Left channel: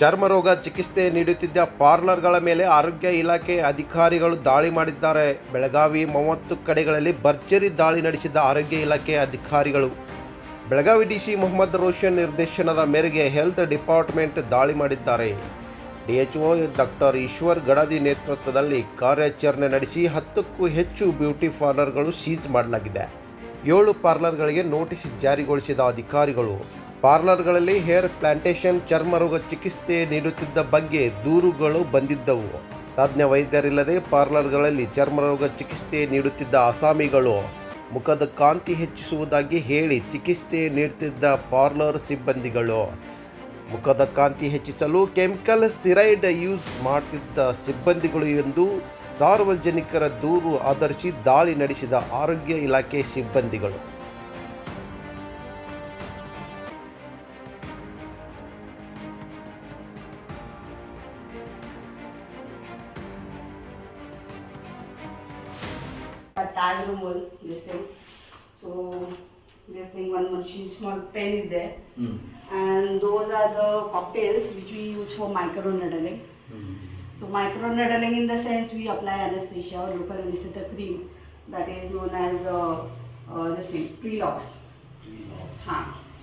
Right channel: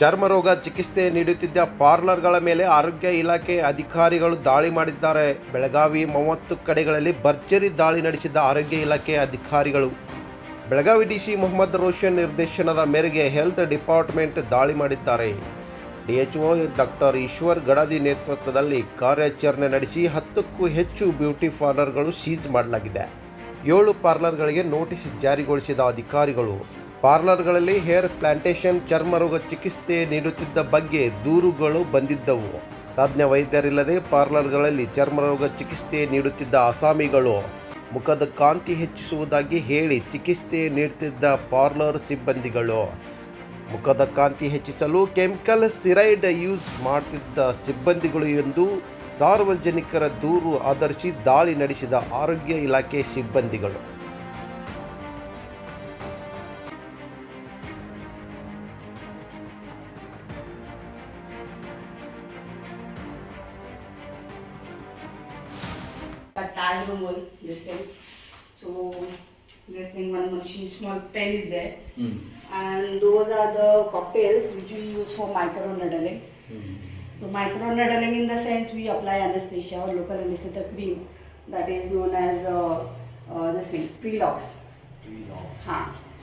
ಚರ್ಮರೋಗ ಚಿಕಿತ್ಸೆ ನೀಡುತ್ತಿದ್ದ ಪಾರ್ಲರ್ಗಳ ಮೇಲೆ ಆರೋಗ್ಯ ಇಲಾಖೆ ಅಧಿಕಾರಿಗಳು ದಾಳಿ ಮಾಡಿದ್ದಾರೆ. ಬೆಳಗಾವಿ 30 ಕಡೆಗಳಲ್ಲಿ ಭರ್ಜರಿ ದಾಳಿ ನಡೆಸಿದ ಆರೋಗ್ಯ ಇಲಾಖೆ ಅಧಿಕಾರಿಗಳು. ಬೆಳಗಾವಿ ಡಿಸಿ ಮೊಹಮ್ಮದ್ ರೋಷನ್ ನಿರ್ದೇಶನದ ಮೇರೆಗೆ ಹೆಲ್ತ್ ಡಿಪಾರ್ಟ್ಮೆಂಟ್ ದಾಳಿ ಮಾಡಿದ್ದಾರೆ. ಡಿಎಚ್ಒ ಡಾಕ್ಟರ್ ಈಶ್ವರ್ ಗಡದಿ ನೇತೃತ್ವದಲ್ಲಿ ಕಾರ್ಯಾಚರಣೆ ನಡೆಸಿ 10ಕ್ಕೂ ಹೆಚ್ಚು ಬ್ಯೂಟಿ ಪಾರ್ಲರ್ಗಳು ಸೀಜ್ ಮಾಡಲಾಗಿದೆ. 7 ಪಾರ್ಲರ್ಗಳಿಗೆ ನೋಟಿಸ್ ಜಾರಿಗೊಳಿಸಿದ ಅಧಿಕಾರಿಗಳು ಪಾರ್ಲರ್ಗಳಲ್ಲಿ ಹೇರ್ ಪ್ಲಾಂಟೇಷನ್, ಚರ್ಮರೋಗ ಚಿಕಿತ್ಸೆ ನೀಡುತ್ತಿದ್ದ ಬಗ್ಗೆ ದೂರುಗಳು ಬಂದಿದ್ದವು. ತಜ್ಞ ವೈದ್ಯರಿಲ್ಲದೆ ಪಾರ್ಲರ್ಗಳಲ್ಲಿ ಚರ್ಮರೋಗ ಚಿಕಿತ್ಸೆ ನೀಡುತ್ತಿದ್ದ ಅಸಾಮಿಗಳು ಮುಖದ ಕಾಂತಿ ಹೆಚ್ಚಿಸುವುದಾಗಿ ಹೇಳಿ ಚಿಕಿತ್ಸೆ ನೀಡುತ್ತಿದ್ದ ಪಾರ್ಲರ್ ಸಿಬ್ಬಂದಿಗಳು ಮುಖದ ಕಾಂತಿ ಹೆಚ್ಚಿಸಲು ಕೆಮಿಕಲ್ ಸ್ಟೀರಾಯ್ಡ್ ಯೂಸ್ ಮಾಡುತ್ತಿದ್ದ ಸಿಬ್ಬಂದಿಗಳು ಎಂದು ಸಾರ್ವಜನಿಕರ ದೂರು ಆಧರಿಸಿ ದಾಳಿ ನಡೆಸಿದ ಆರೋಗ್ಯ ಇಲಾಖೆ ಸಿಬ್ಬಂದಿಗಳು. Tag room, this thing. So this thing, one small pen is there, and those are the cocktails which we use for microneedling. So microneedling in the sense we apply anesthesia or local anesthetic cream that is known as this thing, Prelox.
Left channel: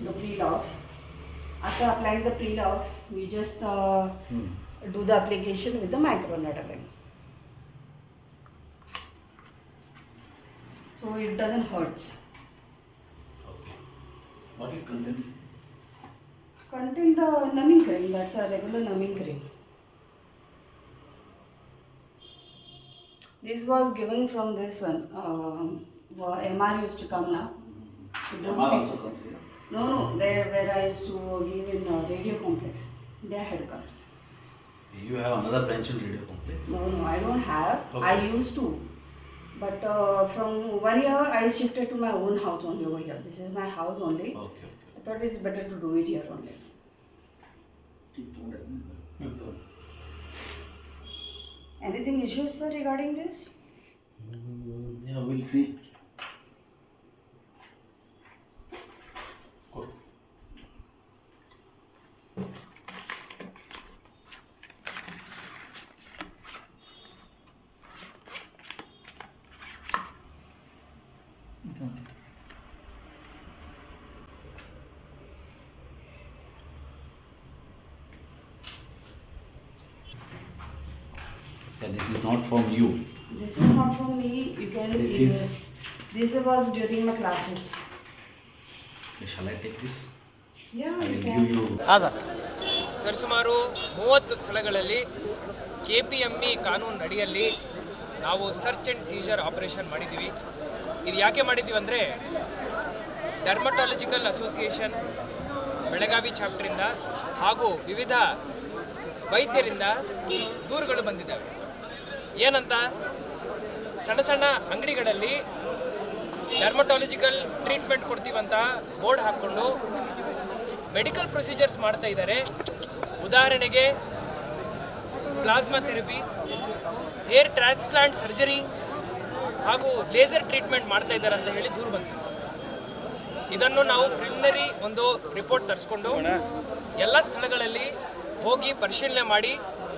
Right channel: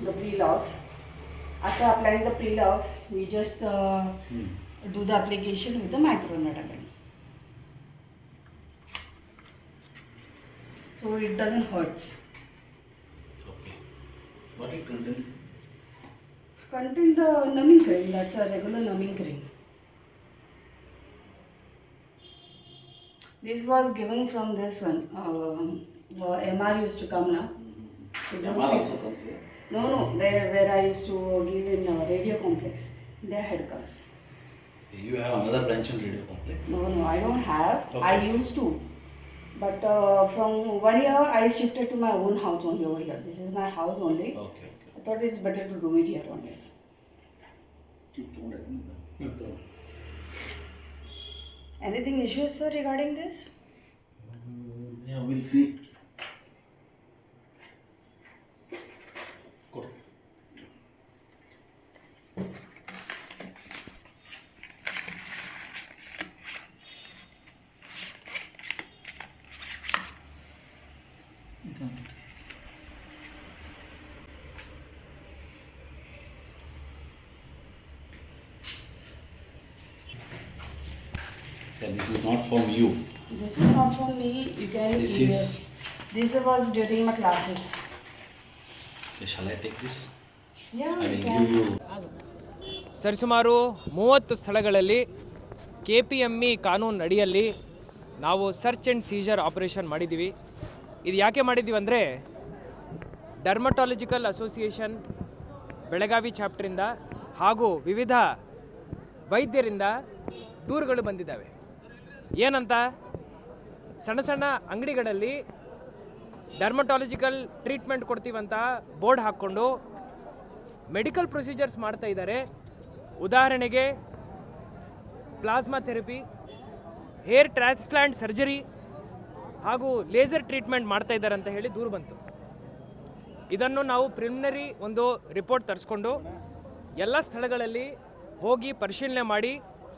The Prelox. After applying the Prelox, we just do the application with the microneedling. So it doesn't hurt. Okay. What it contains? Contain the numbing cream. That's a regular numbing cream. This was given from this one. MR used to come now. So MR also comes here. No, there where I used to give in radio complex. They had come. You have another branch in radio complex? No, I don't have. Okay. I used to. But from 1 year I shifted to my own house only over here. This is my house only. Okay. I thought it's better to do it here only. Anything issues, sir, regarding this? Yeah, we'll see. Good. Yeah, this is not from you. This is not from me. You can. This was during my classes. Shall I take this? Yeah, I you will can. give you. ಆಗ ಸರಿಸುಮಾರು 30 ಸ್ಥಳಗಳಲ್ಲಿ KPME ಕಾನೂನು ಅಡಿಯಲ್ಲಿ ನಾವು search and scissor operation ಮಾಡಿದ್ದೀವಿ. ಇದು ಯಾಕೆ ಮಾಡಿದ್ದೀವಿ ಅಂದರೆ ಡರ್ಮಟಾಲಜಿಕಲ್ ಅಸೋಸಿಯೇಷನ್ ಬೆಳಗಾವಿ ಚಾಪ್ಟರಿಂದ ಹಾಗೂ ವಿವಿಧ ವೈದ್ಯರಿಂದ ದೂರುಗಳು ಬಂದಿದ್ದಾವೆ. ಏನಂತ, ಸಣ್ಣ ಸಣ್ಣ ಅಂಗಡಿಗಳಲ್ಲಿ ಡರ್ಮಟಾಲಜಿಕಲ್ ಟ್ರೀಟ್ಮೆಂಟ್ ಕೊಡ್ತೀವಂತ ಬೋರ್ಡ್ ಹಾಕ್ಕೊಂಡು ಮೆಡಿಕಲ್ ಪ್ರೊಸೀಜರ್ಸ್ ಮಾಡ್ತಾ ಇದ್ದಾರೆ. ಉದಾಹರಣೆಗೆ plasma therapy, hair transplant surgery ಹಾಗೂ ಲೇಸರ್ ಟ್ರೀಟ್ಮೆಂಟ್ ಮಾಡ್ತಾ ಇದ್ದಾರೆ ಅಂತ ಹೇಳಿ ದೂರು ಬಂತು. ಇದನ್ನು ನಾವು ಪ್ರಿಲಿಮಿನರಿ ಒಂದು ರಿಪೋರ್ಟ್ ತರಿಸ್ಕೊಂಡು ಎಲ್ಲ ಸ್ಥಳಗಳಲ್ಲಿ ಹೋಗಿ ಪರಿಶೀಲನೆ ಮಾಡಿ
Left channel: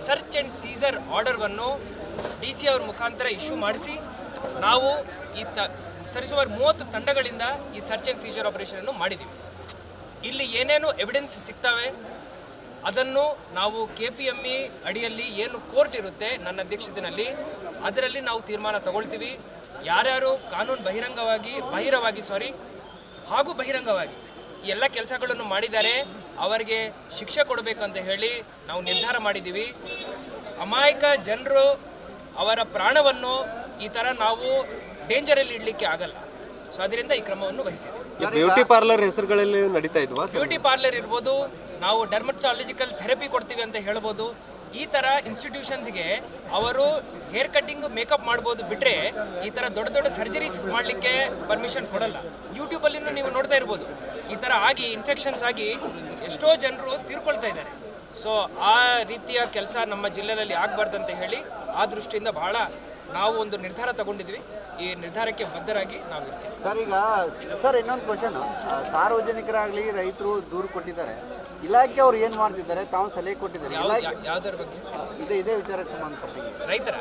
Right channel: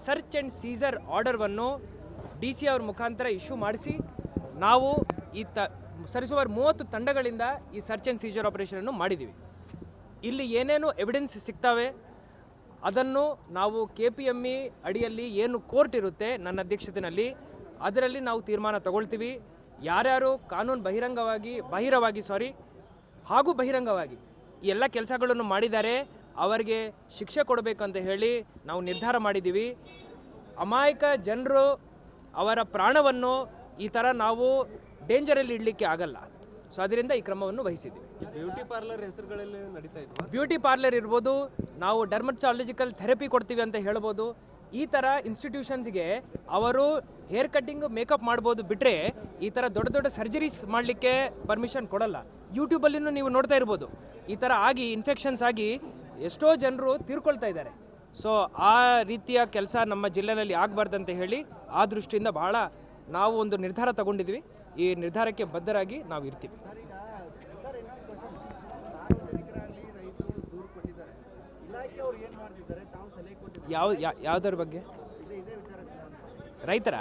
ಸರ್ಚ್ ಆ್ಯಂಡ್ ಸೀಸರ್ ಆರ್ಡರ್ವನ್ನು DC ಅವ್ರ ಮುಖಾಂತರ ಇಶ್ಯೂ ಮಾಡಿಸಿ ನಾವು ಈ ಸರಿಸುಮಾರು 30 ತಂಡಗಳಿಂದ ಈ ಸರ್ಚ್ ಆ್ಯಂಡ್ ಸೀಜರ್ ಆಪರೇಷನನ್ನು ಮಾಡಿದ್ದೀವಿ. ಇಲ್ಲಿ ಏನೇನು ಎವಿಡೆನ್ಸ್ ಸಿಗ್ತವೆ ಅದನ್ನು ನಾವು KPME ಅಡಿಯಲ್ಲಿ ಏನು ಕೋರ್ಟ್ ಇರುತ್ತೆ ನನ್ನ ಅಧ್ಯಕ್ಷತೆಯಲ್ಲಿ ಅದರಲ್ಲಿ ನಾವು ತೀರ್ಮಾನ ತಗೊಳ್ತೀವಿ. ಯಾರ್ಯಾರು ಕಾನೂನು ಬಾಹಿರವಾಗಿ ಹಾಗೂ ಬಹಿರಂಗವಾಗಿ ಈ ಎಲ್ಲ ಕೆಲಸಗಳನ್ನು ಮಾಡಿದ್ದಾರೆ ಅವರಿಗೆ ಶಿಕ್ಷೆ ಕೊಡಬೇಕಂತ ಹೇಳಿ ನಾವು ನಿರ್ಧಾರ ಮಾಡಿದ್ದೀವಿ. ಅಮಾಯಕ ಜನರು ಅವರ ಪ್ರಾಣವನ್ನು ಈ ಥರ ನಾವು ಡೇಂಜರಲ್ಲಿ ಇಡಲಿಕ್ಕೆ ಆಗಲ್ಲ. ಸೊ ಅದರಿಂದ ಈ ಕ್ರಮವನ್ನು ವಹಿಸಿದ್ದೀವಿ. ಬ್ಯೂಟಿ ಪಾರ್ಲರ್ ಹೆಸರುಗಳಲ್ಲಿ ನಡೀತಾ ಇದ್ವಾ? ಬ್ಯೂಟಿ ಪಾರ್ಲರ್ ಇರ್ಬೋದು, ನಾವು ಡರ್ಮಟಾಲಜಿಕಲ್ ಥೆರಪಿ ಕೊಡ್ತೀವಿ ಅಂತ ಹೇಳ್ಬೋದು. ಈ ಥರ ಇನ್ಸ್ಟಿಟ್ಯೂಷನ್ಸ್ಗೆ ಅವರು ಹೇರ್ ಕಟ್ಟಿಂಗ್, ಮೇಕಪ್ ಮಾಡ್ಬೋದು ಬಿಟ್ಟರೆ ಈ ಥರ ದೊಡ್ಡ ದೊಡ್ಡ ಸರ್ಜರೀಸ್ ಮಾಡಲಿಕ್ಕೆ ಪರ್ಮಿಷನ್ ಕೊಡಲ್ಲ. ಯೂಟ್ಯೂಬಲ್ಲಿನೂ ನೀವು ನೋಡ್ತಾ ಇರ್ಬೋದು, ಈ ಥರ ಆಗಿ ಇನ್ಫೆಕ್ಷನ್ಸ್ ಆಗಿ ಎಷ್ಟೋ ಜನರು ತೀರ್ಕೊಳ್ತಾ ಇದ್ದಾರೆ. ಸೊ ಆ ರೀತಿಯ ಕೆಲಸ ನಮ್ಮ ಜಿಲ್ಲೆಯಲ್ಲಿ ಆಗಬಾರ್ದಂತ ಹೇಳಿ ಆ ದೃಷ್ಟಿಯಿಂದ ಬಹಳ ನಾವು ಒಂದು ನಿರ್ಧಾರ ತಗೊಂಡಿದ್ವಿ. ಈ ನಿರ್ಧಾರಕ್ಕೆ ಬದ್ಧರಾಗಿ ನಾವು ಇರ್ತೀವಿ. ಸರ್, ಈಗ ಸರ್ ಇನ್ನೊಂದು ಕ್ವಶನ್, ಸಾರ್ವಜನಿಕರಾಗಲಿ ರೈತರು ದೂರು ಕೊಟ್ಟಿದ್ದಾರೆ. ಇಲಾಖೆ ಅವ್ರು ಏನು ಮಾಡ್ತಿದ್ದಾರೆ ತಾವು ಸಲಹೆ ಕೊಟ್ಟಿದ್ದಾರೆ ಯಾವುದರ ಬಗ್ಗೆ? ಇದೇ ವಿಚಾರಕ್ಕೆ ಸಂಬಂಧಪಟ್ಟಿದೆ. ರೈತರ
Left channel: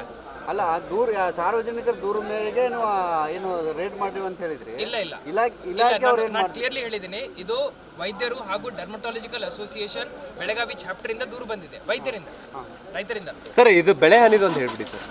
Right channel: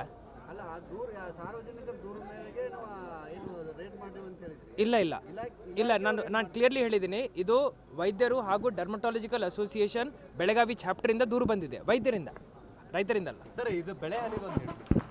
ಅಲ್ಲ ಸಾರ್ವಜನಿಕರ ದೂರ ಮೇರೆಗೆ ಏನು ರೇಟ್ ಮಾಡಿವಿ ಅಂತ ಹೇಳಿದ್ರಿ. ಇಲ್ಲ ಇಲಾಖೆ ಅವ್ರು ನಾನು ಕ್ಲಿಯರ್ಲಿ ಹೇಳಿದ್ದೀನಿ. ಇದು ವೈದ್ಯರು ಹಾಗೂ ಡರ್ಮಟಾಲಜಿಕಲ್ ಅಸೋಸಿಯೇಷನ್ ಬೆಳಗಾವಿ ಚಾಪ್ಟರ್ ಇಂದ ದೂರು ಬಂದಿದೆ, ವೈದ್ಯರಿಂದ, ರೈತರಿಂದ. ಸರ್ ಇದು ಬೆಳೆ ಹಾನಿದು ಅಂತ ಹೇಳ್ಬಿಡಿ ಸರ್.